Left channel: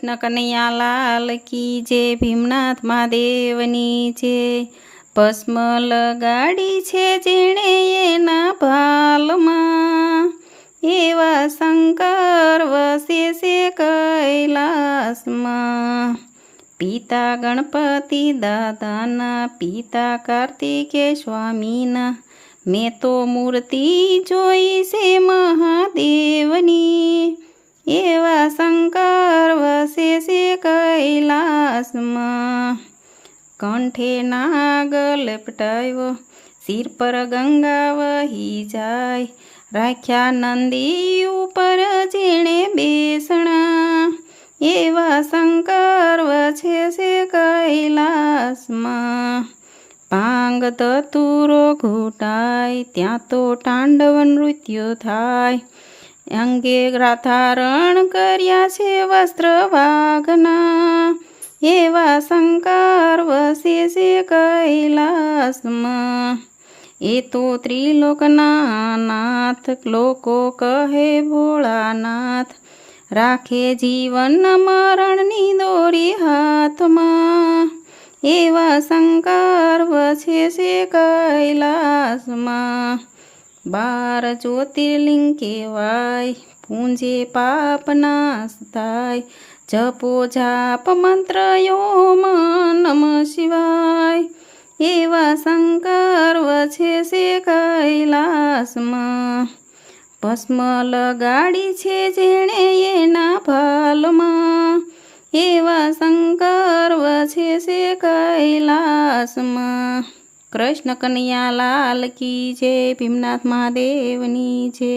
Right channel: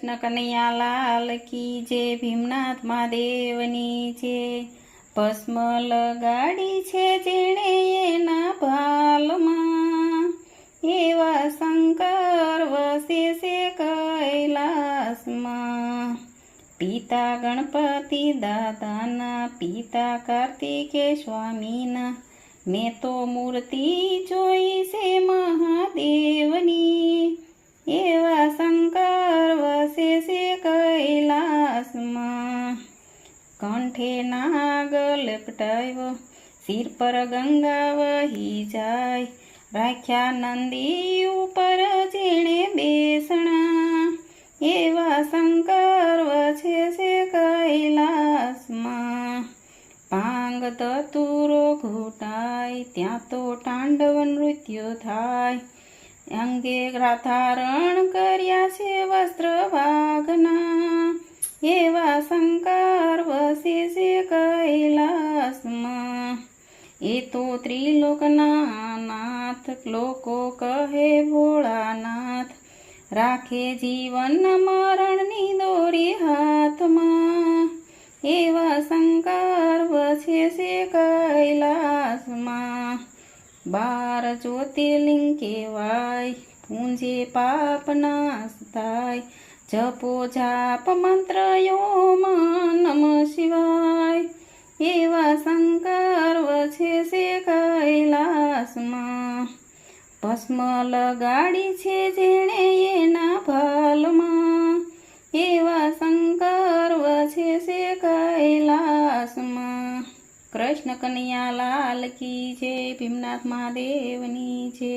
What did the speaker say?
કૃષ્ણ કનૈયા લાલ કી જય, ભીમનાથ મહાદેવની જય। ભસ્મ લગાડી છે જેણે એના ભાલમાં, એવા શંકર વસે છે કૈલાસમાં। પિતા ગણપતિ દાદાના, પિતા કાર્તિકેય સ્વામીના, મેં તો મૂર્તિ જોઈ છે મહાદેવની, એવા શંકર વસે છે કૈલાસમાં। કંઠે નાગ લપટાવ્યો, સિર પર ગંગા વહી જાય, રાખ્યા નંદી ઉપર જેણે બેસણા, એવા શંકર વસે છે કૈલાસમાં। ભાંગ ધતુરો ઘૂંટાય, ત્યાં તો તાંડવ નૃત્ય થાય, અંગે ધારણ કર્યા છે વસ્ત્ર વાઘના, એવા શંકર વસે છે કૈલાસમાં। એ તો ત્રિલોકના નાથ, લોકો કહે ભોળાનાથ, રાખે જીવન મરણની દોરી હાથમાં, એવા શંકર વસે છે કૈલાસમાં। 12 જ્યોતિર્લિંગ કહેવાય, પૂંજે પાપ નાશ થાય, જપો જાપ મંત્ર ઓમ નમઃ શિવાય, એવા શંકર વસે છે કૈલાસમાં। ભસ્મ લગાડી છે જેણે એના ભાલમાં, એવા શંકર વસે છે કૈલાસમાં। કૃષ્ણ કનૈયા લાલ કી જય, ભીમનાથ મહાદેવની જય।